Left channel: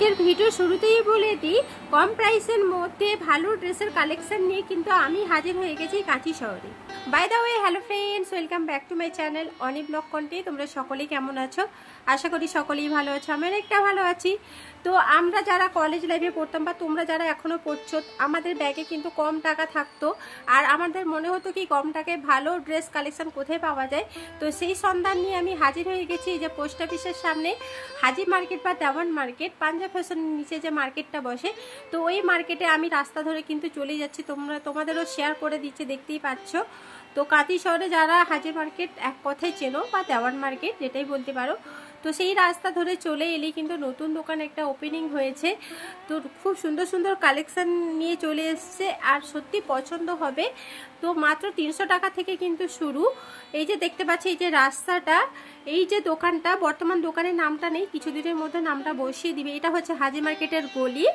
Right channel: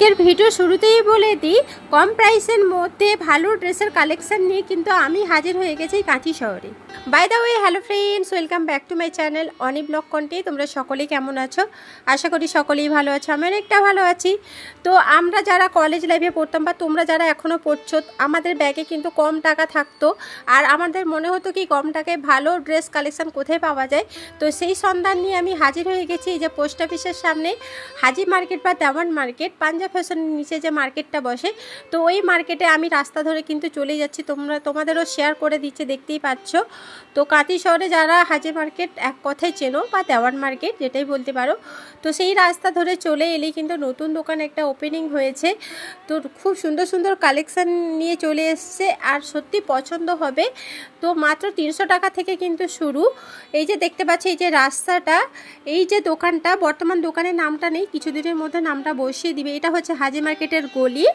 আজকের ভিডিও শুরুতেই বলে দিই, কম প্রাইসের মধ্যে ভালো ড্রেসের কালেকশন নিয়ে কিন্তু আমি হাজির হয়ে গেছি কাঁথি শহরে। By the way, hello friends, welcome back to my channel Oni blog content. তোমরা সকলেই কেমন আছো? আশা করি সকলেই ভালো আছো, আমি অনেকটা ভালো আছি। তো আমরা যারা কলেজ লাইফে পড়তাম বা তোমরা যারা এখনও পড়ছো, আমাদের ব্যাগে কিন্তু কম টাকা থাকতো, আর আমাদের মনে হতো কি কম টাকায় ভালো ড্রেস কালেকশন কোথায় পাওয়া যায়। তো সেই সন্ধান নিয়ে আমি হাজির হয়ে গেছি এই যে পোস্ট অফিসের সামনে হাজি মার্কেট বা দেওয়ান মার্কেট, পাঞ্জাব ফ্যাশনের নিচে যে মার্কেটটা বসে। তো ওই মার্কেটে আমি রাস্তা ধরে কিন্তু চলে যাচ্ছি, তোমাদেরও শেয়ার করে দিচ্ছে, দেখতেই পাচ্ছ। তো কাঁথি শহরে যারা হাজি মার্কেট এক কথায় চেনো বা দেওয়ান মার্কেট যেটাই বলতে পারো, তো সেই রাস্তা ধরে চলে এলেই কিন্তু নতুন দোকান একটা ওপেনিং হয়েছে। তো খুব সুন্দর সুন্দর কালেকশান নিয়ে চলে এসছে, আর সত্যি পছন্দ হবে। তো মাত্র 300 টাকা থেকে কিন্তু শুরু। এই যে দেখতে পাচ্ছি এই যে রাস্তাটা, এই যে দোকানটা, বর্তমান দোকানের নামটা নেই, কিছুদিনের মধ্যে নামটা বসিয়ে দিবে। এটা হচ্ছে হাজি মার্কেটের গলি।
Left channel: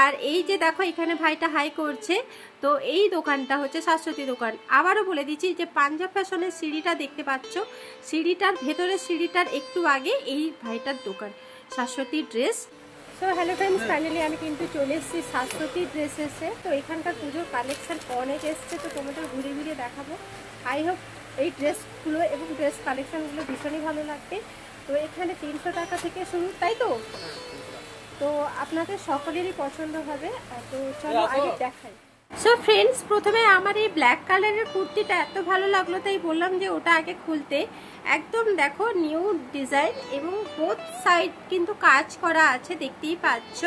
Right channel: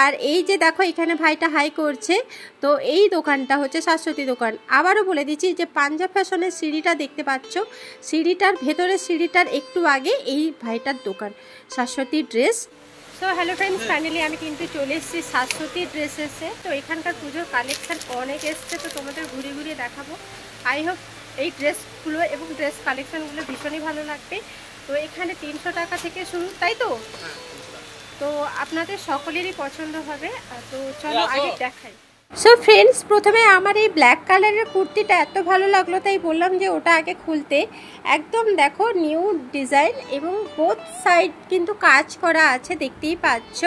আর এই যে দেখো এখানে ভাইটা হাই করছে, তো এই দোকানটা হচ্ছে শাশ্বতী দোকান। আবারও বলে দিচ্ছি যে পাঞ্জাব ফ্যাশনের সিঁড়িটা দেখতে পাচ্ছ, সিঁড়িটার ভেতরের সিঁড়িটার একটু আগে এই ভাইটার দোকান Shashwati dress. So hello friends, finally আমি কিন্তু চলে এসেছি শাশ্বতী ড্রেসেসে। তো এখানকার পুজোর কালেকশান অনেক এসছে, তো তোমাদের ঘুরে ঘুরে দেখাবো। আই হোপ এই ড্রেসগুলো এবং ড্রেস কালেকশানগুলো ভীষণই ভালো লাগবে। তো এখানে 300 টাকা থেকে শুরু, তাই তো? তো আপনাদের সকলেরই পছন্দ হবে। তো চলো আগে দেখাই। সো ফ্রেন্ডস, প্রথমে আমার এই ব্ল্যাক কালারের কুর্তিটা এত ভালো লাগলো, তাই বললাম যে ওটা আগে খুলতে। একদম দেখো নিউ ডিজাইন এবং বোথ সাইড কিন্তু কাজ করা আছে, দেখতেই পাচ্ছ।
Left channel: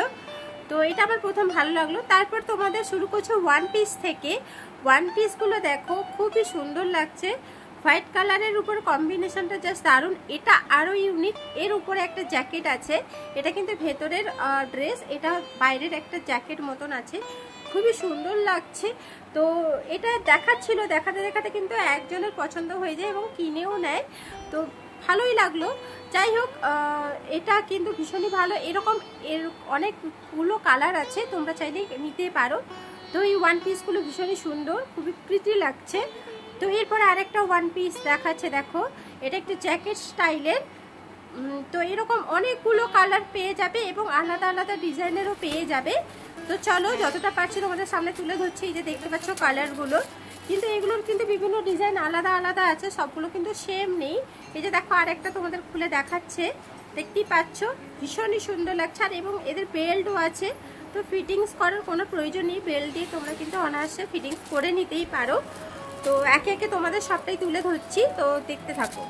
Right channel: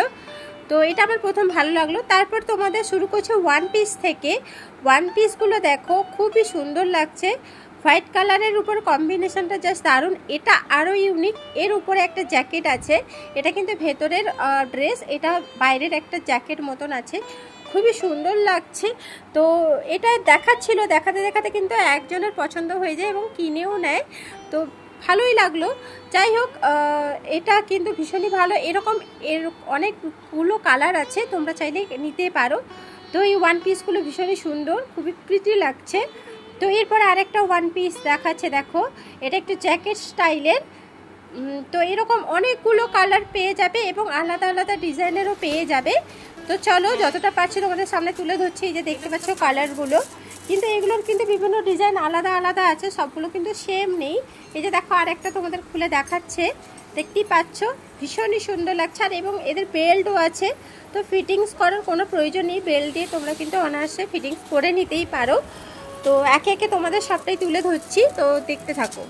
তো এটা আমার প্রথম ভালো লাগলো। তারপর তোমাদের শুরু করছে ওয়ান পিস থেকে। ওয়ান পিসগুলো দেখো খুবই সুন্দর লাগছে, হোয়াইট কালারের উপর কম্বিনেশনটা জাস্ট দারুণ। এটা আরও ইউনিক, এর উপরে একটা জ্যাকেট আছে, এটা কিন্তু ভেতরের ড্রেস, এটা বাইরের একটা জ্যাকেট মতন আছে, খুবই সুন্দর লাগছে। তো এটা দেখাচ্ছিল, দেখাতে দেখাতে কিন্তু একজনের পছন্দ হয়ে যায় এবং কিনেও নেয়, তো ভালোই লাগলো। যাই হোক, এটা কিন্তু ভীষণই ভালো। এরকম অনেকগুলো কালার আছে, তোমরা চাইলে নিতে পারো। তো এই ওয়ান পিসগুলো ভীষণই সুন্দর, খুবই প্রিটি লাগছে। তো এরপর আরেকটা ওয়ান পিস দেখাচ্ছে, দেখো এটা একটু জ্যাকেট স্টাইলের। তো এরকম অনেকগুলো কালার পেয়ে যাবে এবং আলাদা আলাদা ডিজাইনেরও পেয়ে যাবে। তো চলো যতটা পারছি তোমাদের সামনে তুলে ধরছি। এই যে দেখতে পাচ্ছ কালারগুলো, কিন্তু এগুলোর কিন্তু বিভিন্ন ডিজাইন আলাদা আলাদা আছে, সবগুলো কিন্তু সেম নেই। এই যে দেখো আরেকটা তোমাদের খুলে দেখাচ্ছে, দেখতেই পাচ্ছ, ভীষণই সুন্দর লাগছে। আর এবং এদের বেল্টও আছে, তো ফিটিংস করার কোনো প্রয়োজন নেই, বেল্ট দিয়ে তোমরা কিন্তু অনায়াসে ফিটিংস করে নিতেই পারো। তো একে একে তোমাদের সবটাই তুলে ধরছি, তো দেখতে থাকো।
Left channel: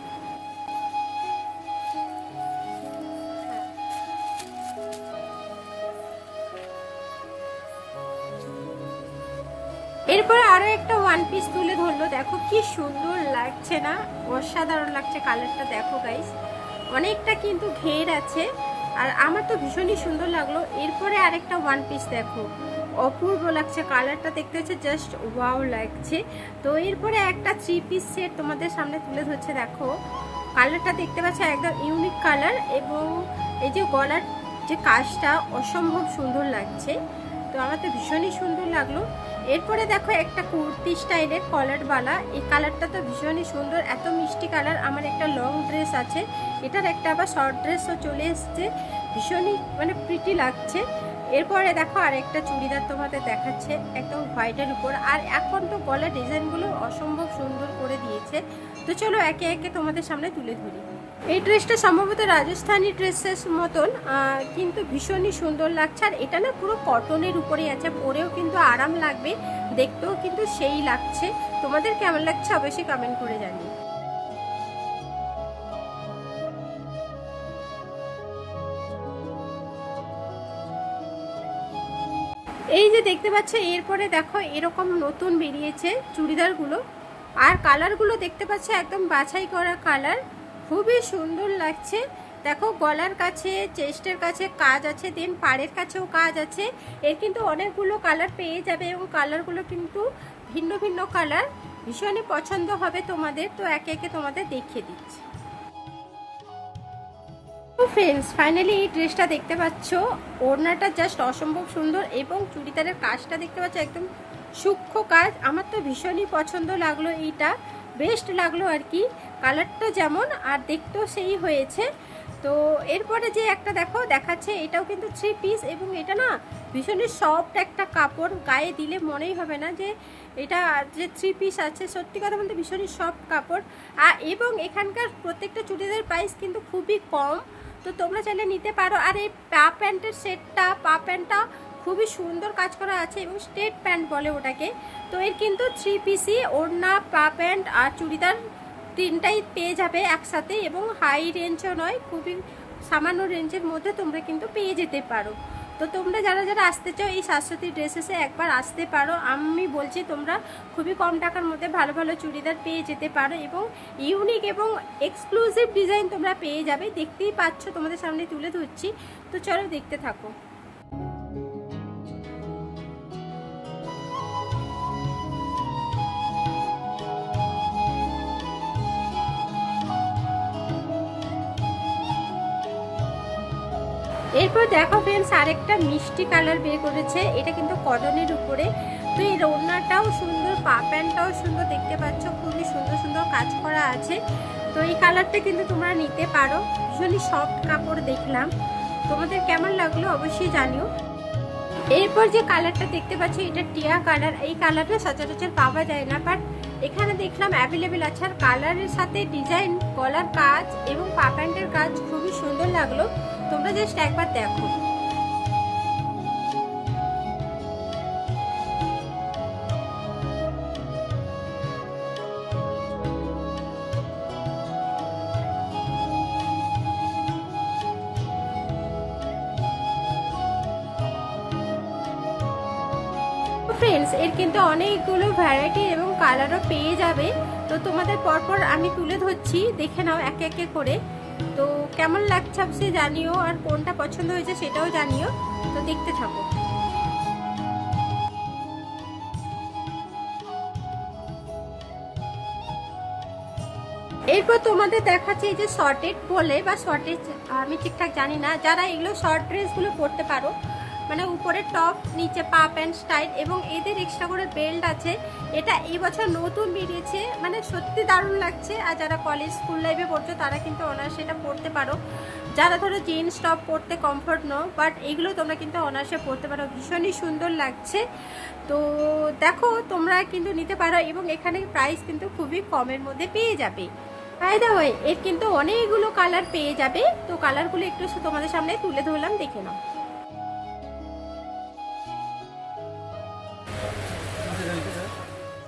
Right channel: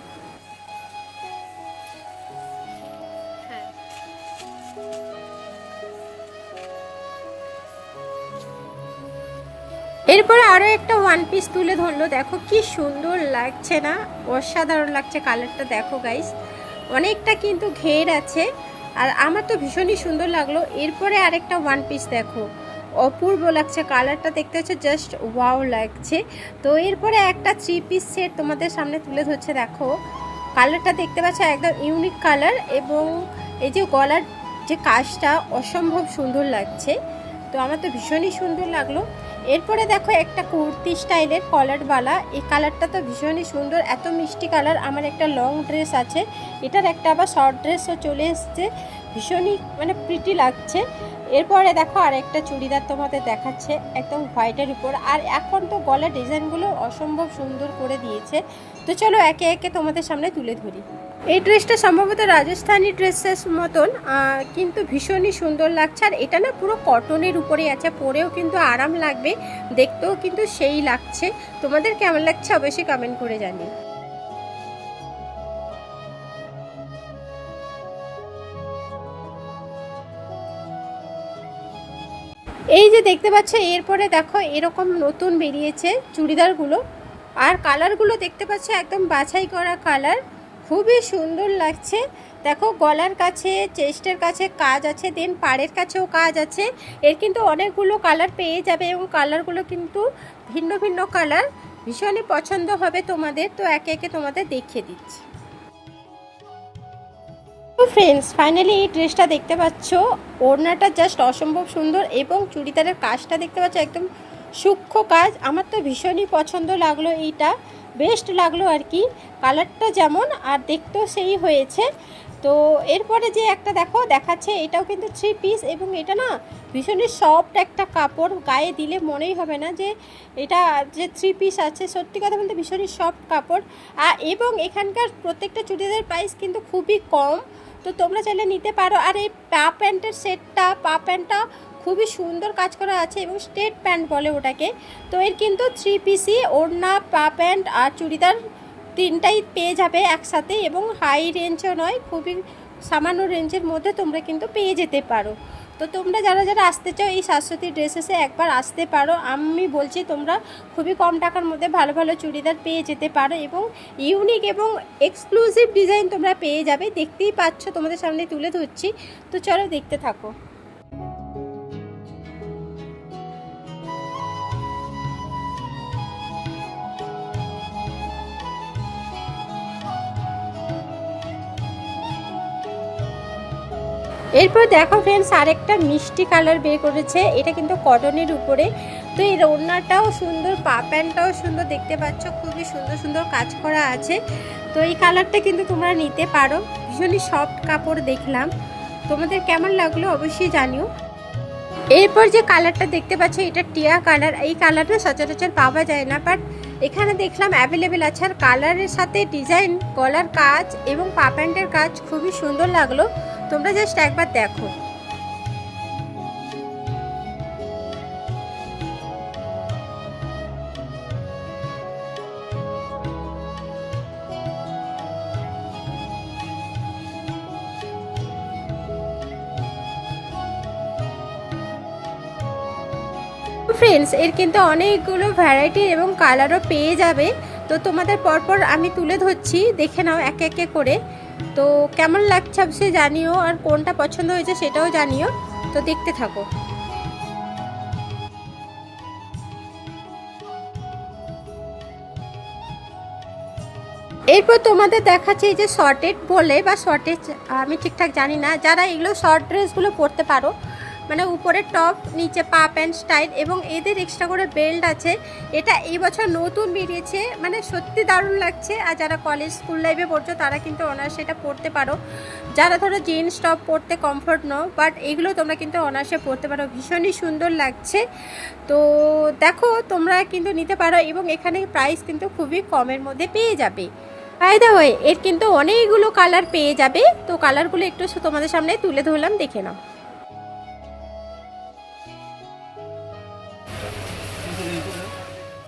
এরপরে আরও একটা ওয়ান পিস তুলে ধরলো, দেখো কি সুন্দর লাগছে না, অসাধারণ লাগছে কালারটা। দেখো গাইস, অনেকটা কিন্তু ঘের আছে, আর আমার তো ভীষণই সুন্দর লাগলো। এরপরে আরেকটা ওয়ান পিস দেখো, অপূর্ব লাগছে কালারটা, দেখতে হচ্ছে জাস্ট ওয়াও লাগছে। তো এরপরে একটা 3 পিস সেট তোমাদের সামনে তুলে ধরছে, দেখো কালারটা দেখতে পাচ্ছ, একদম ইউনিক কালার, এবং এই যে গলার যে কাজটা অসম্ভব সুন্দর লাগছে, তো আমার তো ভীষণই সুন্দর লাগলো। এরপরে দেখো একটা কুর্তি স্টাইলের কলারওয়ালা, এই কালারটা তো ভীষণই সুন্দর, এত মিষ্টি কালার। আমার একটা লং ড্রেস আছে, এটার একটা আবার শর্ট ড্রেসও চলে এসছে, ভীষণই মানে প্রিটি লাগছে। এরপরে দেখো আরেকটা চুড়িদার তোমাদের দেখাচ্ছে, একদম হোয়াইটের উপর, আর এখন তো গলার ডিজাইনগুলো অসম্ভব সুন্দর করে দিয়েছে। তো চলো একে একে তোমাদের সামনে তুলে ধরি। এই ড্রেসটা সম্ভবত রাজস্থানি ড্রেসের মতন, কিন্তু ভীষণই সুন্দর লাগছে। আর এটা না পুরো কটনের উপরেই আছে, পরেও কিন্তু আরাম লাগবে, দেখতেও কিন্তু সেই লাগছে। তোমাদের কেমন লাগছে অবশ্যই কমেন্ট করে জানিও। এই যে দেখতে পাচ্ছ, এরপরে দেখো এরকম নতুন বেরিয়েছে চুড়িদারগুলো, আর কালারগুলো দেখতে পাচ্ছ একদম বাছাই করা কালার, খুবই সুন্দর লাগছে। দেখো গলার কাছে, চেস্টের কাছে কাজ আছে, দেন পাড়ের কাছেও কাজ আছে। এর কিন্তু অনেকগুলো কালার পেয়ে যাবে এবং কালারগুলো কিন্তু ভিন্ন ভিন্ন কালার, ভীষণই পছন্দ হবে তোমাদের। তো একে একে তোমাদের দেখিয়ে দিচ্ছি। ফ্রেন্ডস, ফাইনালি এই ড্রেসটা দেখতে পাচ্ছ, ওড়নাটা জাস্ট অসম্ভব সুন্দর এবং চুড়িদারের কাজটা দেখতে পাচ্ছ একদম সূক্ষ্ম কাজ। আমার তো ভীষণই পছন্দ লাগলো, এইটা বেস্ট লাগলো আর কি, কালারটা যেমন আর দেখতেও সেই হয়েছে। তো এরপরে যে একটা দেখো দেখাচ্ছে, এটাও কিন্তু 3 পিস এবং এটা না ভীষণই সফট একটা কাপড়, গায়ে দিলে মনেই হবে না যে এটা যে 3 পিস আছে। সত্যি কথা বলতে ভীষণই সফট কাপড়। এবং এখানকার প্রত্যেকটা চুড়িদারের প্রাইস কিন্তু খুবই কম, তো তোমরা চাইলে নিতে পারো। আর এই পা প্যান্টের সেটটা, পা প্যান্টটা খুবই সুন্দর কাজ করা আছে এবং স্ট্রেট প্যান্ট বলে ওটাকে। তো এর কিন্তু 3 পিসই ওড়না, পা প্যান্ট আর চুড়িদার তিনটাই পেয়ে যাবে একসাথে, এবং হাই রেঞ্জও নয়, খুবই সামান্য রেঞ্জের মধ্যে তোমরা কিন্তু পেয়ে যেতে পারো। তো তোমরা যারা যারা আসতে চাও এই শাশ্বতী ড্রেসেসে একবার আসতে পারো। আমি বলছি তোমরা খুবই কম টাকার মধ্যে ভালো ভালো চুড়িদার পেয়ে যেতে পারো এবং ইউনিক এবং এক্সক্লুসিভ ডিজাইন তোমরা পেয়ে যাবে। দেখতেই পাচ্ছ, তোমাদের সামনে তুলে ধরছি, তো চলো দেখতে থাকো। এরপর দেখো ফ্রেন্ডস, আরেকটা মিষ্টি কালার বের করেছে, এটা কিন্তু কটনের উপরে। তো এই ওড়নাটাও সুন্দর, পা প্যান্টটাও সুন্দর, দেখতে পাচ্ছ খুবই সুন্দর সুন্দর কাজ করা আছে। তো এই কালারটা কিন্তু তোমরা নিতে পারো, ভীষণই সফট কাপড় দেখলাম। তোমাদের কেমন লাগলো অবশ্যই জানিও। এরপর যে কালারটা দেখতে পাচ্ছ এটা টিয়া কালার। এই কালারটা সচরাচর পাওয়া যায় না, বাট এখানে দেখলাম অ্যাভেলেবেল আছে। আর কালারের সাথে ডিজাইন, গলার কাজ এবং পা প্যান্টের কাজ খুবই সুন্দর লাগলো, তোমরা জাস্ট একবার দেখো। ফ্রেন্ডস, এর কিন্তু অনেকগুলো ভ্যারাইটি এবং কালারও পেয়ে যাবে। তো তোমাদের পরপর আমি তুলে ধরছি, দেখে নাও একে একে করে। তো কেমন লাগছে অবশ্যই জানিও, আর কোনটা পছন্দ হয়েছে সেটাও জানিও। তো দেখতে থাকো। এরপর তোমাদের দেখাচ্ছি এই যে শর্টেড বলে বা শর্টেজ, আমি ঠিকঠাক জানি না, যারা এগুলো শর্ট ড্রেসগুলো পরতে পারো, মানে উপরে টপ, নিচে পা প্যান্ট স্টাইল, এবং এদের এক্সট্রা করে বেল্ট আছে। এটা এই বছর নতুন বেরিয়েছে, মানে সত্যি দারুণ লাগছে। আর যারা কলেজ স্কুল লাইফে পড়ছো তারা কিন্তু অনায়াসে এটা পরতে পারো। যারা ধরো জিন্স টপ পরতে কমফোর্ট নাও, বাট এগুলো তোমরা কিন্তু অনায়াসে পরতে পারো, ভীষণই সুন্দর লাগছে। তো দেখো তোমরা কিন্তু নিতে পারো, এবং এখানে প্রাইস কিন্তু খুবই কমের মধ্যে পেয়ে যাবে। বাই দ্য ওয়ে, এর কিন্তু অনেকগুলো কালার পেয়ে যাবে। তো কালারগুলো একটু তোমাদের সামনে তুলে ধরলাম, দেখে নাও।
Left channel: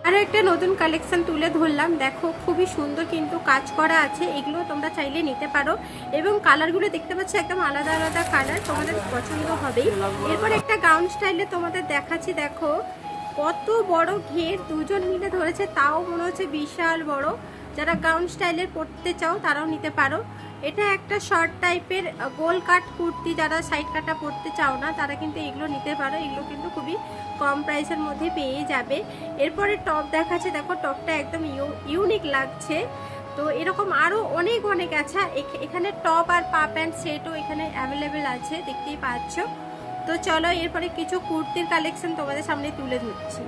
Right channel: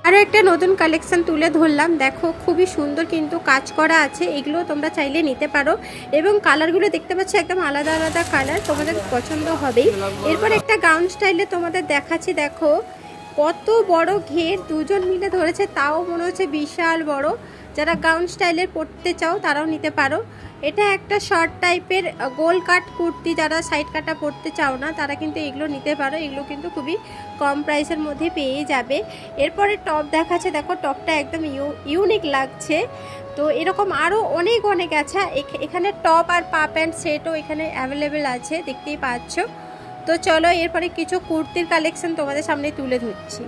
আরও একটা নতুন কালেকশন তুলে ধরলাম, দেখো খুবই সুন্দর কিন্তু কাজ করা আছে। এগুলো তোমরা চাইলে নিতে পারো, এবং কালারগুলো দেখতে পাচ্ছ একদম আলাদা আলাদা কালার, তোমাদের পছন্দ হবেই। এরপর একটা গাউন স্টাইলে তোমাদের দেখাচ্ছি, দেখো কত বড় ঘের, দুজন মিলে ধরেছে, তাও মনে হচ্ছে বিশাল বড়। যারা গাউন স্টাইলের পরতে চাও তারাও নিতে পারো। এটা একটা শর্ট টাইপের গোল কাট কুর্তি, যারা সাইড কাটা পরতে চাও না তারা কিন্তু এগুলো নিতে পারো। এগুলো কিন্তু খুবই কম প্রাইসের মধ্যে পেয়ে যাবে। এরপরে টপ দেখাচ্ছে, দেখো টপটা একদম ইউনিক লাগছে। তো এরকম আরও অনেক অনেক আছে। এখানে টপ আর পা প্যান্ট সেটও এখানে অ্যাভেলেবেল আছে, দেখতেই পাচ্ছ। তো চলো এরপরে কিছু কুর্তির কালেকশন তোমাদের সামনে তুলে ধরছি।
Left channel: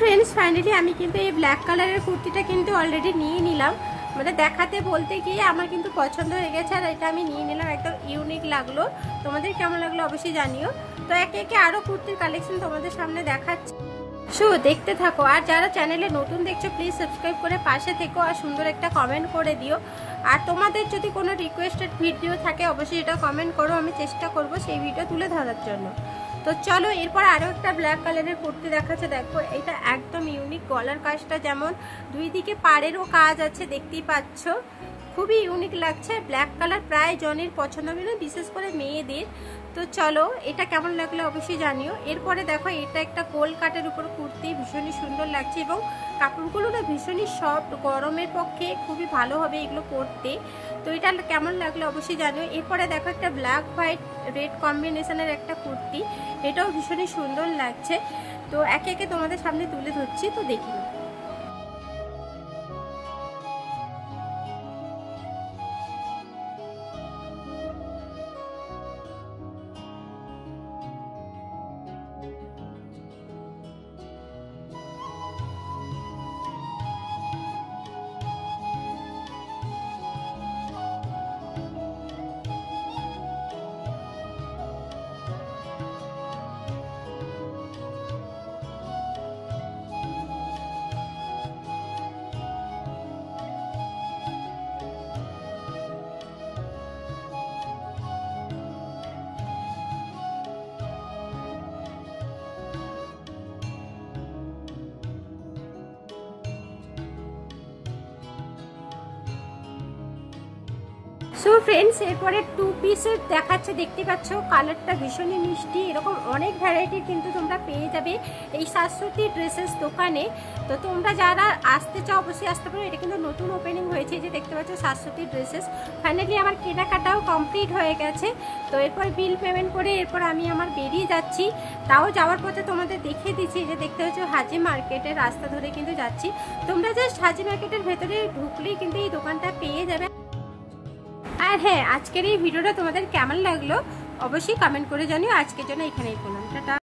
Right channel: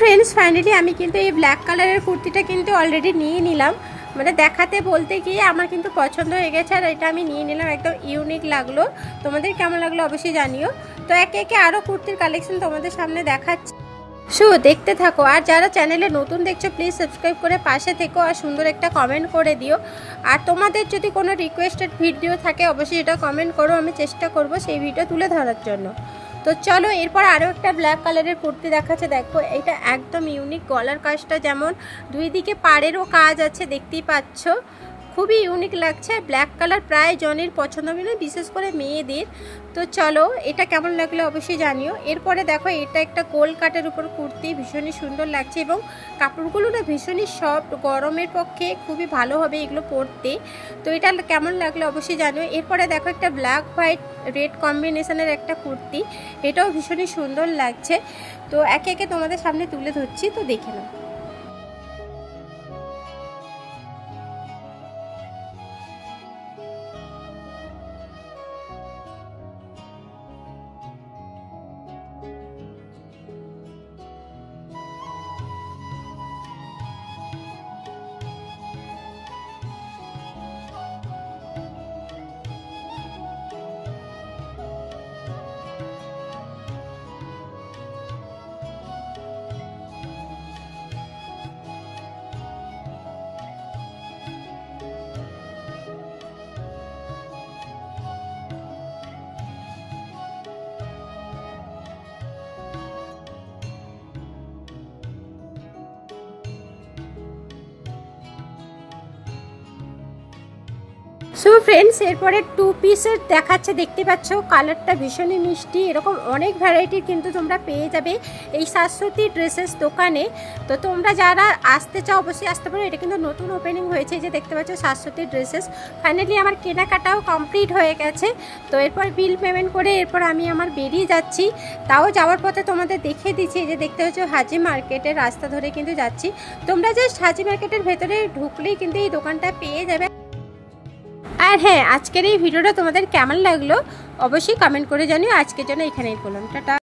ফ্রেন্ডস, ফাইনালি আমি কিন্তু এই ব্ল্যাক কালারের কুর্তিটা কিন্তু অলরেডি নিয়ে নিলাম। মানে দেখাতে বলতে গিয়ে আমার কিন্তু পছন্দ হয়ে গেছে, আর এটা আমি নিয়ে নিলাম, একদম ইউনিক লাগলো। তোমাদের কেমন লাগলো অবশ্যই জানিও। তো একে একে আরও কুর্তির কালেকশন তোমাদের সামনে দেখাচ্ছি, দেখতে থাকো। আর যারা চ্যানেলে নতুন দেখছো প্লিজ সাবস্ক্রাইব করে পাশে থেকো, আর সুন্দর একটা কমেন্ট করে দিও। আর তোমাদের যদি কোনো রিকোয়েস্টেড ভিডিও থাকে অবশ্যই এটা কমেন্ট করো, আমি চেষ্টা করব সেই ভিডিও তুলে ধরার জন্য। তো চলো এরপর আরও একটা ব্ল্যাক কালারের কুর্তি দেখাচ্ছে, দেখো এটা একদম ইউনিক। গলার কাজটা যেমন, দুই দিকে পাড়েরও কাজ আছে, দেখতেই পাচ্ছ খুবই ইউনিক লাগছে। ব্ল্যাক কালার প্রায় জনের পছন্দ হবে, বিশেষ করে মেয়েদের। তো চলো এটা কেমন লাগলো অবশ্যই জানিও। এরপরে দেখো এটা একটা গোল কাটের উপর কুর্তি, ভীষণই সুন্দর লাগছে এবং কাপড়গুলো না ভীষণই সফট, গরমের পক্ষে খুবই ভালো হবে এগুলো পরতে। তো এটা কেমন লাগলো অবশ্যই জানিও। এরপরে দেখো একটা ব্ল্যাক হোয়াইট রেড কম্বিনেশনের একটা কুর্তি, এটাও ভীষণই সুন্দর লাগছে। তো একে একে তোমাদের সামনে তুলে ধরছি, তো দেখে নাও। সো ফ্রেন্ডস, এরপরে 2 পিসের দেখাচ্ছে, দেখতে পাচ্ছ কালারটা ভীষণই মিষ্টি। এরকম অনেক ভ্যারাইটির কিন্তু তোমরা পেয়ে যাবে এই শাশ্বতী ড্রেসেস দোকানে। তো তোমরা যারা আসতে চাও অবশ্যই আসতে পারো। এটা কিন্তু নতুন ওপেনিং হয়েছে, যে দেখতে পাচ্ছ শাশ্বতী ড্রেসেস। ফাইনালি আমার কেনাকাটাও কমপ্লিট হয়ে গেছে। তো এরপর বিল পেমেন্ট করে এরপর আমি আমার বেরিয়ে যাচ্ছি। তাও যাওয়ার পথে তোমাদের দেখিয়ে দিচ্ছি, যে দেখতে পাচ্ছ হাজি মার্কেটের রাস্তা ধরে কিন্তু যাচ্ছি। তোমরা জাস্ট হাজি মার্কেটের ভেতরে ঢুকলেই কিন্তু এই দোকানটা পেয়ে যাবে। আর হ্যাঁ, আজকের এই ভিডিওটা তোমাদের কেমন লাগলো অবশ্যই কমেন্ট করে জানিও। আজকের জন্য এখানেই বললাম, টাটা।